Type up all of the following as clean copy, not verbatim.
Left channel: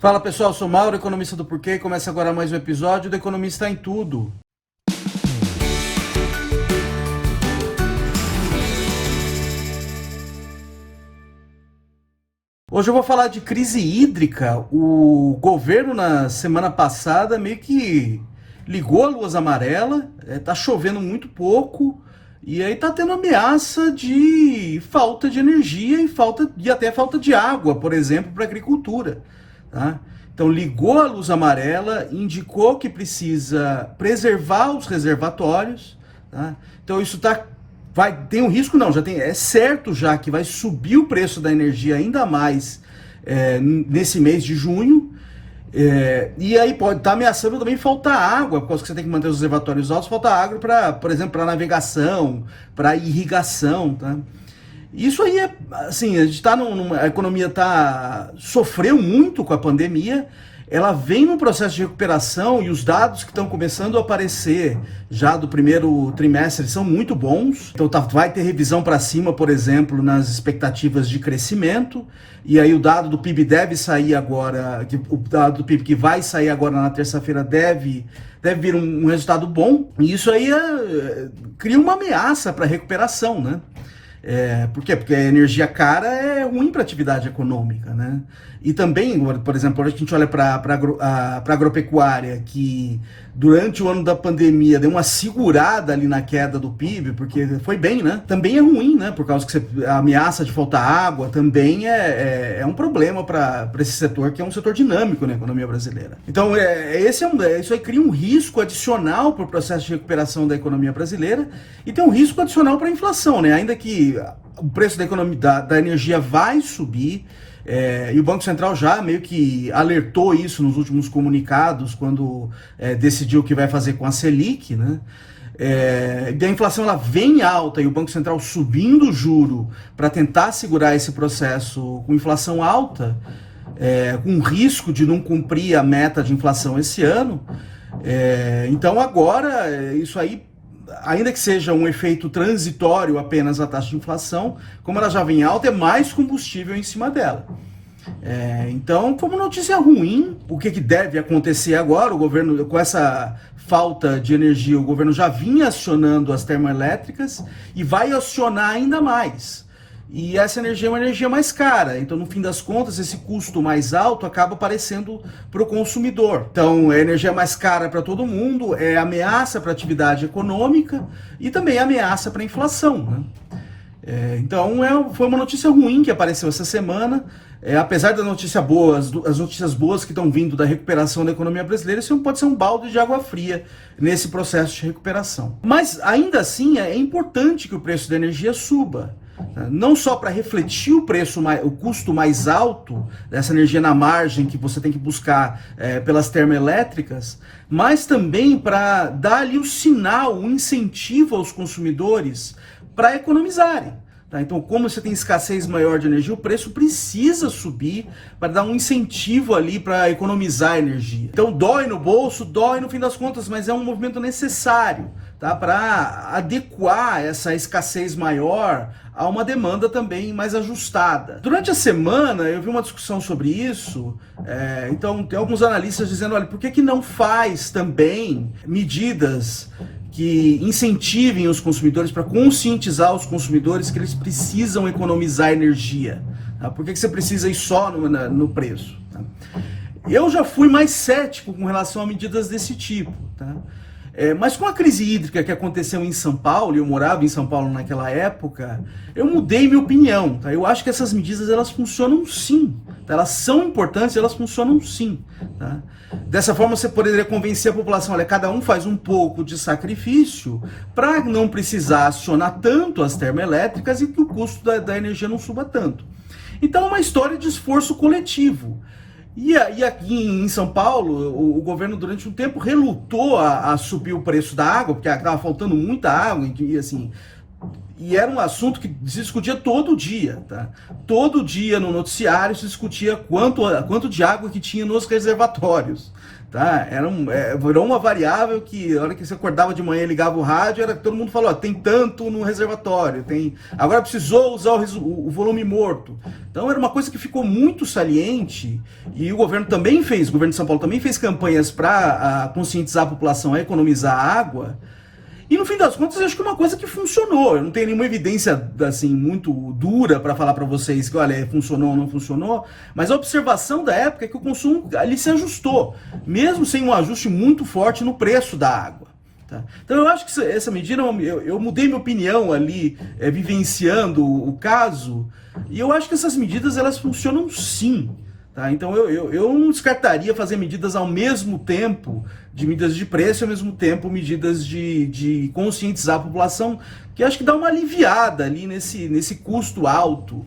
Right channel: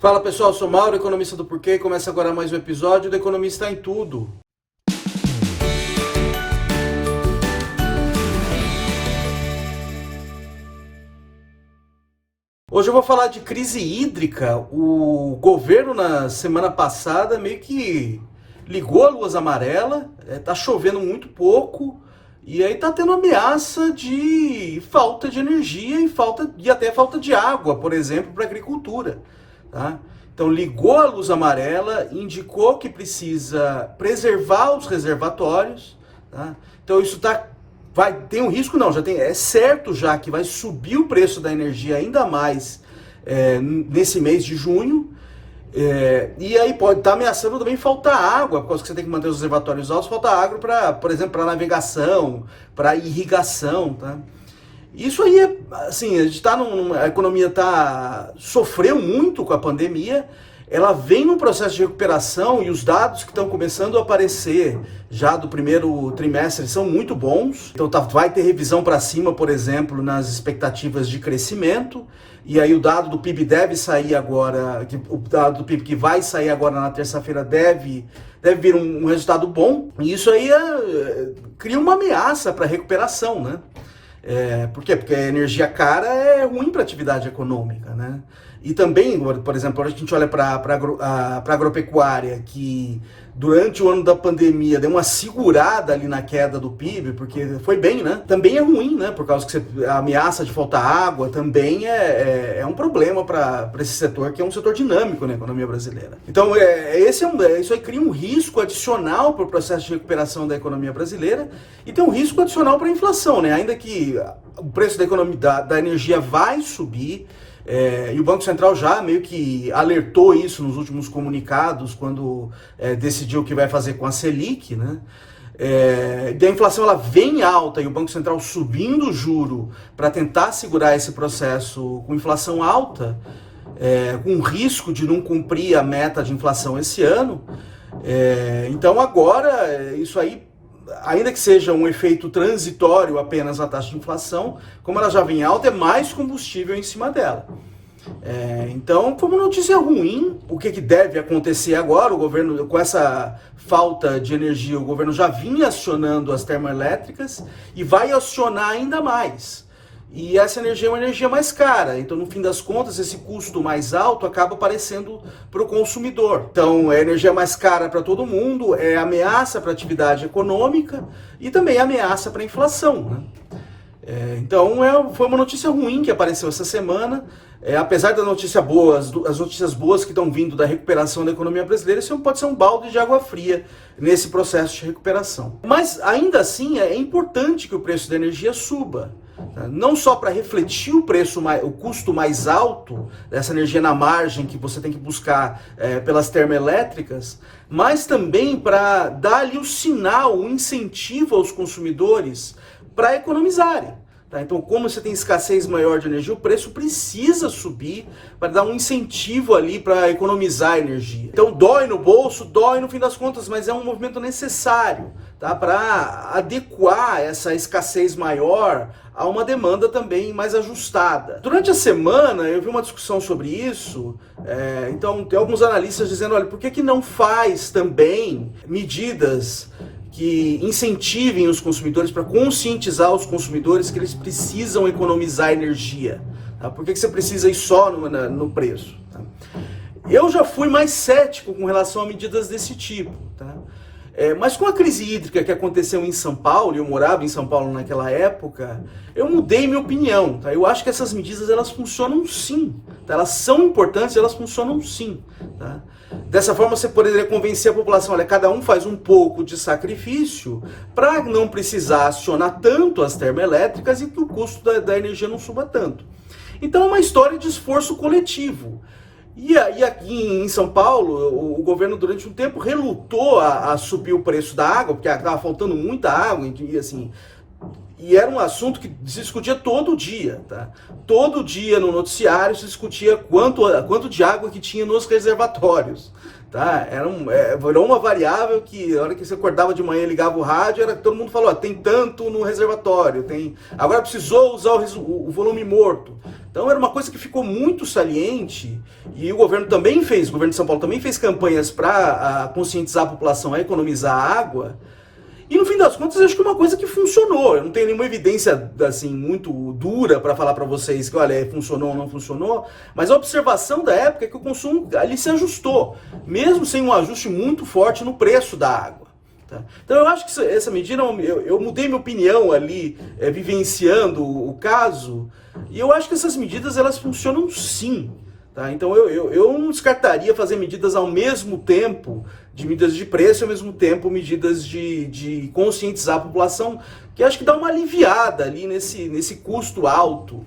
Fala pessoal, sou Mauro, economista do Porquê, e começa agora mais um episódio do Economista em Tudo. Hoje eu vou falar de crise hídrica. O governo na semana passada meio que ligou a luz amarela, tá chovendo muito pouco, e aí tá tendo ameaça de falta de energia e até falta de água, por exemplo, para a agricultura. Tá? Então ligou a luz amarela, indicou que precisa preservar os reservatórios. Tá? Então isso tem um risco, não, é certo já que vai subir o preço da energia ainda mais nesse mês de junho. E aí pode estar ameaçando também faltar água, por causa que você tem que manter os reservatórios altos, falta água para, por exemplo, para navegação, para irrigação, tá? Isso aí assim, a gente a economia sofreu muito com a pandemia, ela vem num processo de recuperação e os dados que estão começando a aparecer já do primeiro trimestre são muito bons. Então vai ter revisão para cima, por exemplo, nas expectativas de crescimento, e aí o dado do PIB deve sair agora, o dado do PIB que vai sair agora na terça-feira deve vir um resultado bom, e isso aí cria uma ameaça para a recuperação, né? Por quê? Porque a energia cara é ruim para a atividade econômica, né? E também, por exemplo, a gente olha para a agropecuária, que durante o ano da pandemia deu uma segurada ali na queda do PIB, porque foi bem, né? Também é ruim, né? Por causa que a ameaça de faltar água também é um problema para esse setor, que é um setor dinâmico na economia brasileira. Então, isso aí cria um risco adicional para o processo de recuperação da economia brasileira e tem um risco adicional para a inflação, né? Ainda que o preço da energia vai subir, e o Banco Central já meio que alertou isso nos últimos comunicados, quando decidiu o que vai fazer com a Selic, né? A inflação ela vem alta e o Banco Central subindo o juro para tentar segurar esse processo com inflação alta, com risco de não cumprir a meta de inflação esse ano. Então agora isso aí, ainda que seja um efeito transitório apenas na taxa de inflação, como ela já vem alta, é mais combustível em cima dela. Então foi uma notícia ruim. O que deve acontecer agora? O governo, com essa falta de energia, o governo já vinha acionando as termoelétricas e vai acionar ainda mais. E essa energia é uma energia mais cara, então no fim das contas esse custo mais alto acaba aparecendo para o consumidor. Então é energia mais cara para todo mundo, é ameaça para a atividade econômica e também é ameaça para a inflação, né? Então foi uma notícia ruim que apareceu essa semana. Apesar das notícias boas, as notícias boas que estão vindo da recuperação da economia brasileira, isso pode ser um balde de água fria nesse processo de recuperação. Mas ainda assim é importante que o preço da energia suba. Não só para refletir o custo mais alto dessa energia na margem que você tem que buscar pelas termoelétricas, mas também para dar ali o sinal, o incentivo aos consumidores para economizarem. Tá? Então, como você tem escassez maior de energia, o preço precisa subir para dar um incentivo ali para economizar energia. Então, dói no bolso, dói no fim das contas, mas é um movimento necessário, tá? Para adequar essa escassez maior a uma demanda também mais ajustada. Durante a semana, eu vi uma discussão sobre isso. Então, tem alguns analistas dizendo, olha, por que não faz também medidas que incentivem os consumidores, para conscientizar os consumidores que eles precisam economizar energia? Tá? Por que você precisa ir só no preço? Tá? Eu já fui mais cético com relação a medidas desse tipo. Tá? Mas com a crise hídrica que aconteceu em São Paulo, e eu morava em São Paulo naquela época, eu mudei minha opinião. Tá? Eu acho que essas medidas elas funcionam sim. Tá? Elas são importantes, elas funcionam sim. Tá? Dessa forma você poderia convencer a população, olha, cada um faz um pouco de sacrifício para não precisar acionar tanto as termoelétricas e que o custo da energia não suba tanto. Então é uma história de esforço coletivo. E aqui em São Paulo, o governo durante um tempo relutou a subir o preço da água, porque estava faltando muita água, e assim, E era um assunto que se discutia todo dia, tá? Todo dia no noticiário se discutia quanto de água que tinha nos reservatórios, tá? Virou uma variável que, na hora que você acordava de manhã e ligava o rádio, todo mundo falou, ó, tem tanto no reservatório, agora precisou usar o volume morto. Então era uma coisa que ficou muito saliente, e o governo de São Paulo também fez campanhas para conscientizar a população a economizar água. E no fim das contas, eu acho que é uma coisa que funcionou. Eu não tenho nenhuma evidência assim muito dura para falar para vocês que, olha, funcionou ou não funcionou, mas a observação da época é que o consumo ali se ajustou, mesmo sem um ajuste muito forte no preço da água. Tá? Então eu acho que essa medida, eu mudei minha opinião ali, vivenciando o caso, e eu acho que essas medidas elas funcionam sim. Tá? Então eu não descartaria fazer medidas ao mesmo tempo, de medidas de preço, ao mesmo tempo medidas de conscientizar a população, que acho que dá uma aliviada ali nesse custo alto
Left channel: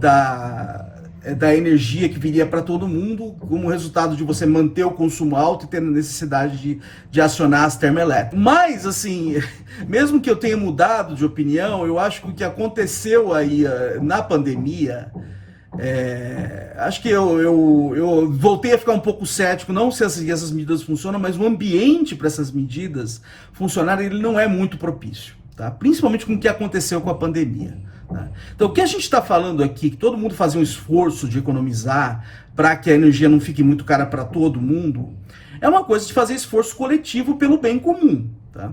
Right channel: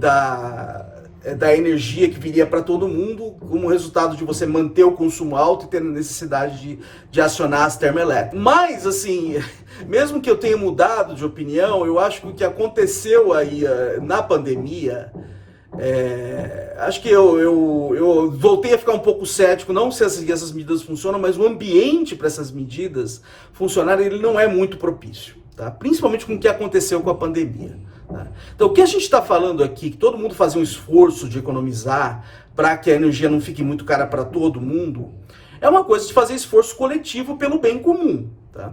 da energia que viria para todo mundo, como resultado de você manter o consumo alto e ter necessidade de acionar as termoelétricas. Mas, assim, mesmo que eu tenha mudado de opinião, eu acho que o que aconteceu aí na pandemia... acho que eu voltei a ficar um pouco cético, não se essas medidas funcionam, mas o ambiente para essas medidas funcionarem, ele não é muito propício, tá? Principalmente com o que aconteceu com a pandemia. Tá? Então o que a gente está falando aqui, que todo mundo fazia um esforço de economizar para que a energia não fique muito cara para todo mundo, é uma coisa de fazer esforço coletivo pelo bem comum. Tá?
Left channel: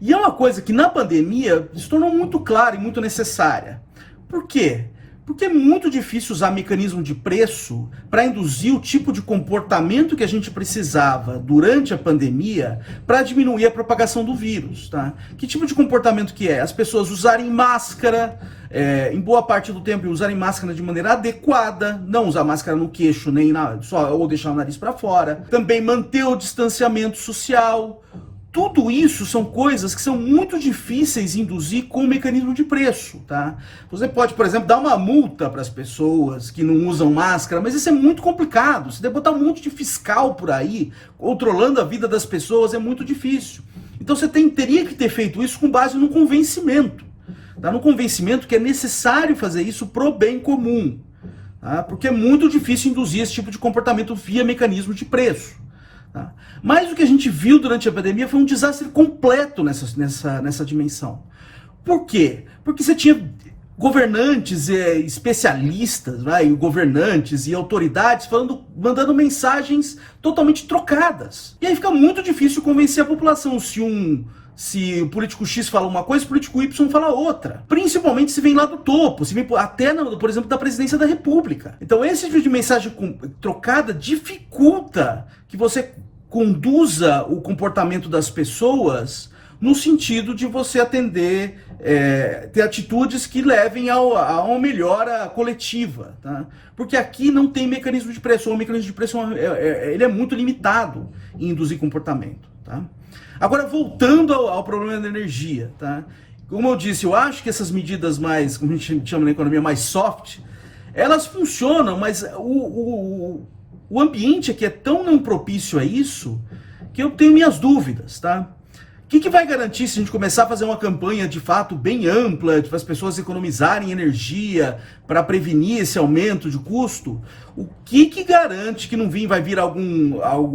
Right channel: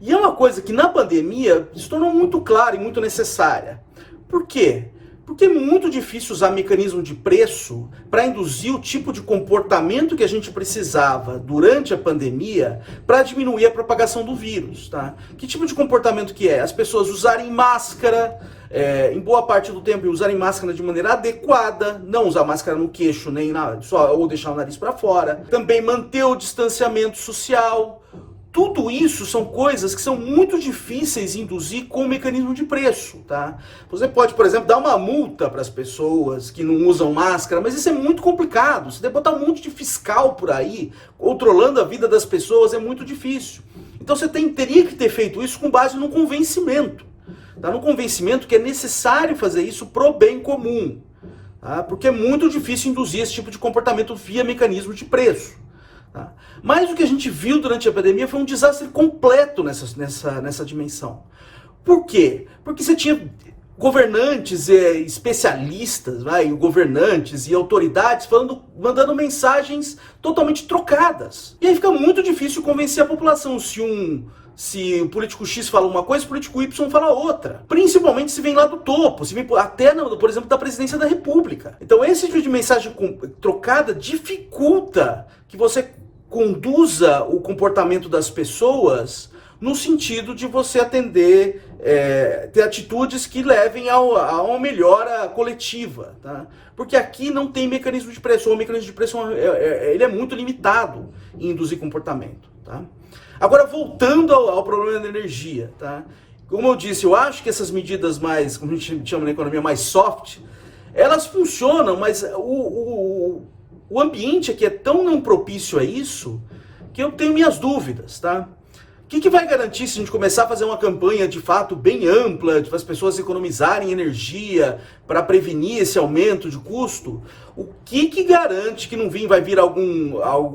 E é uma coisa que na pandemia se tornou muito clara e muito necessária. Por quê? Porque é muito difícil usar mecanismo de preço para induzir o tipo de comportamento que a gente precisava durante a pandemia para diminuir a propagação do vírus. Tá? Que tipo de comportamento que é? As pessoas usarem máscara, em boa parte do tempo, usarem máscara de maneira adequada, não usar máscara no queixo nem ou deixar o nariz para fora. Também manter o distanciamento social. Tudo isso são coisas que são muito difíceis de induzir com o mecanismo de preço, tá? Você pode, por exemplo, dar uma multa para as pessoas que não usam máscara, mas isso é muito complicado. Você deve botar um monte de fiscal por aí, controlando a vida das pessoas, é muito difícil. Então você teria que ter feito isso com base no convencimento. Tá? No convencimento que é necessário fazer isso pro bem comum. Tá? Porque é muito difícil induzir esse tipo de comportamento via mecanismo de preço. Tá? Mas o que a gente viu durante a pandemia foi um desastre completo nessa dimensão. Por quê? Porque você tinha governantes, especialistas, governantes e autoridades mandando mensagens totalmente trocadas. E aí fica muito difícil convencer a população se o político X fala uma coisa, o político Y fala outra. Principalmente se vem lá do topo, se vem até, por exemplo, da presidência da República. Então esse tipo de mensagem trocada dificulta que você conduza o comportamento das pessoas no sentido de você ter atitudes que levem a uma melhora coletiva. Tá? Porque aqui não tem mecanismo de pressão, o mecanismo de pressão ele é muito limitado em induzir comportamento. Tá? Agora, voltando ao problema da energia, tá? Como eu disse, eu acho que essas medidas mais, como a gente chama na economia, mais soft, elas funcionam, mas o ambiente aqui é tão não propício a isso que eu tenho minhas dúvidas, tá? O que vai garantir se a gente começar a fazer uma campanha de fato bem ampla, para as pessoas economizarem energia, para prevenir esse aumento de custo? O que garante que não vai vir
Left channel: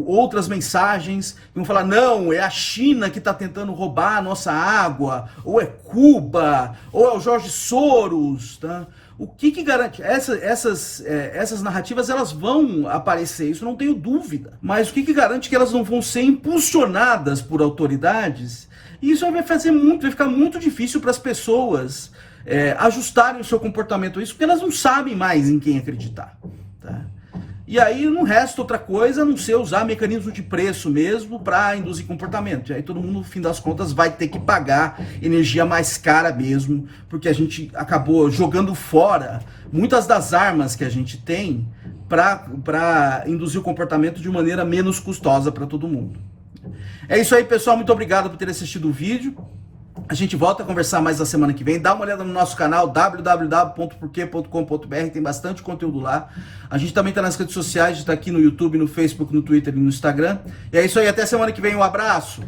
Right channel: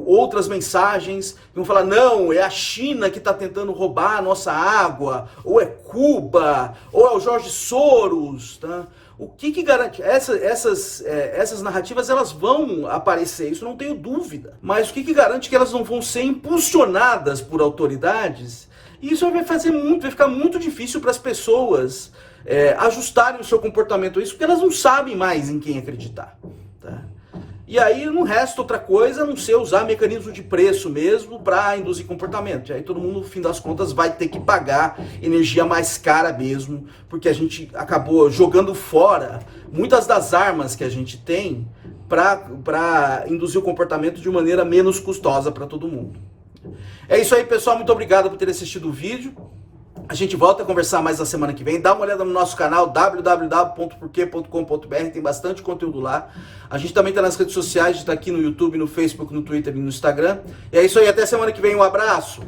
outras mensagens que vão falar, não, é a China que está tentando roubar a nossa água, ou é Cuba, ou é o Jorge Soros, tá? O que garante? Essas narrativas elas vão aparecer, isso não tenho dúvida. Mas o que garante que elas não vão ser impulsionadas por autoridades? E isso vai ficar muito difícil para as pessoas ajustarem o seu comportamento a isso, porque elas não sabem mais em quem acreditar. Tá? E aí não resta outra coisa a não ser usar mecanismo de preço mesmo para induzir comportamento. E aí todo mundo, no fim das contas, vai ter que pagar energia mais cara mesmo, porque a gente acabou jogando fora muitas das armas que a gente tem para induzir o comportamento de maneira menos custosa para todo mundo. É isso aí, pessoal. Muito obrigado por ter assistido o vídeo. A gente volta a conversar mais na semana que vem. Dá uma olhada no nosso canal www.porquê.com.br, tem bastante conteúdo lá. A gente também está nas redes sociais, a gente está aqui no YouTube, no Facebook, no Twitter e no Instagram. E é isso aí, até semana que vem, um abraço!